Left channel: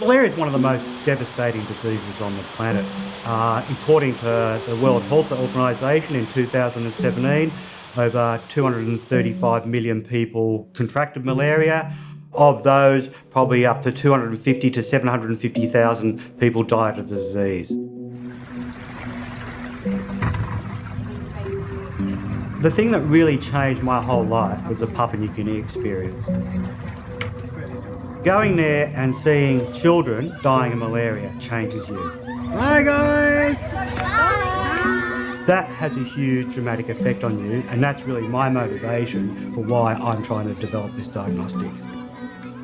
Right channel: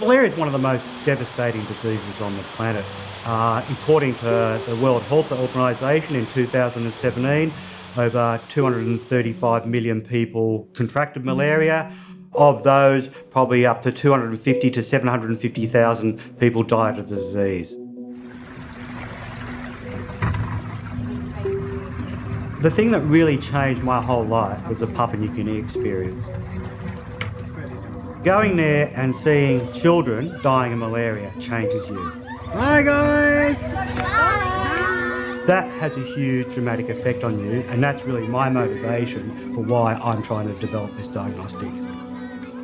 Malaria is one of the most devastating diseases on the planet. According to the World Health Organization in 2017, over 235 million people contracted malaria. Of those, probably up to 250 to 750,000 people died of the disease. The thing that really changed my whole life was the Papua New Guinea experience. Going there and seeing children dying of malaria changes you. Hi guys! That has a huge dramatic effect on you, and that's really my motivation for why I'm trying to develop this diagnostic.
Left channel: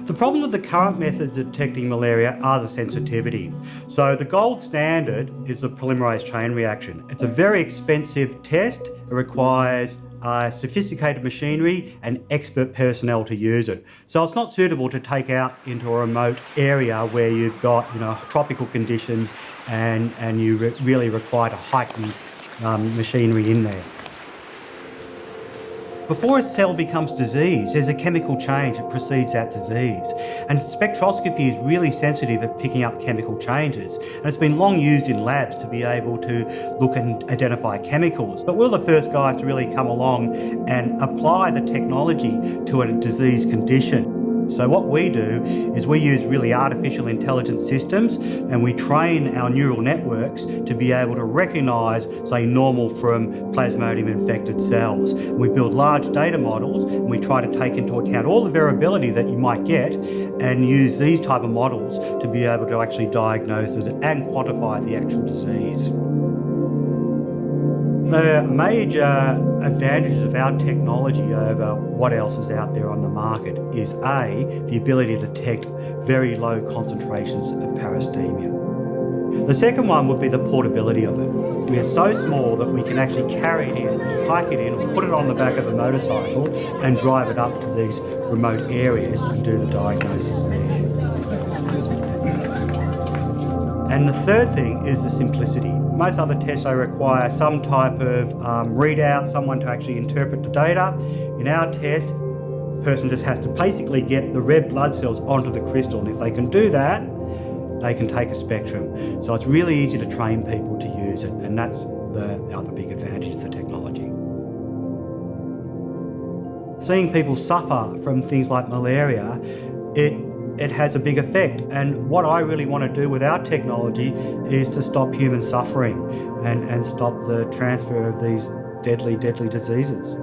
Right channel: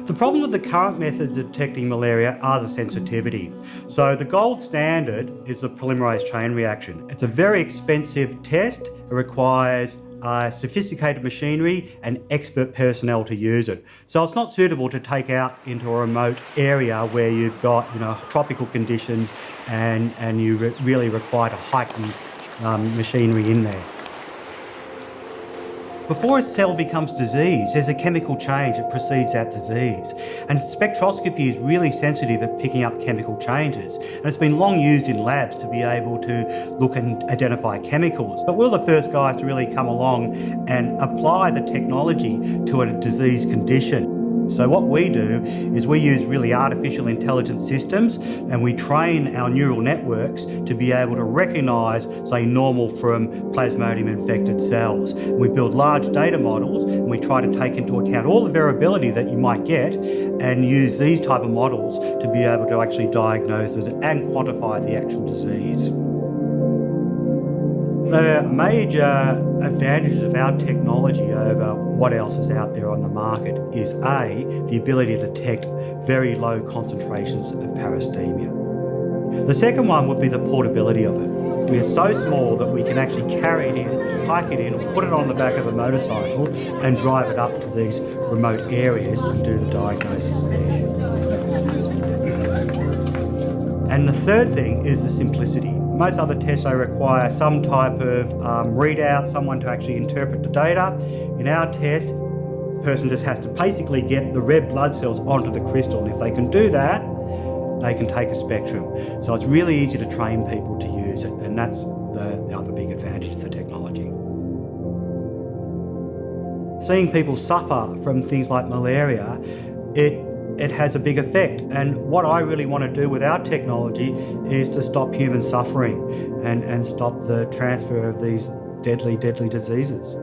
The problem with the current methods of detecting malaria are the sensitivity. So the gold standard is the polymerase chain reaction. It's a very expensive test. It requires sophisticated machinery and expert personnel to use it. So it's not suitable to take out into a remote area where you've got tropical conditions and you really require to heighten machinery in there. Before a cell becomes disease, there's a chemical change that precedes that disease. And spectroscopy is really sensitive at picking up chemical changes. And it's been long used in labs to be able to look and identify chemicals. But we're the first guys to really come along and apply the technology to a disease condition. So what we do is we use really artificial intelligence systems, and we train our neural networks to be able to recognise, say, normal from Plasmodium infected cells. We build large data models, and we try to take into account all the variability that you might get and use these type of models to be able to actually diagnose it and quantify the actual disease. The major advantages of our technology over what else is out there on the market is A, the ability to detect very low concentrations of parastemia. The second one would be the portability of it. We're so small that we can actually carry it in, hike it in, or put it on the back of a motorcycle and drive it up to these remote areas and do the diagnosis there. And the third thing is the simplicity. Most other tests, they require some type of readout, someone to actually interpret the data. In our test, the person just has to basically get the red blood cells onto the crystal, and if they can do that, they can take a spectrum. So it's really easy to train people to use it, and that's the other big advantage of the technology. Seeing people suffer from things like malaria, it has a big effect. And what I really want to do with our technology is to stop human suffering and stop the transfer of these deadly diseases.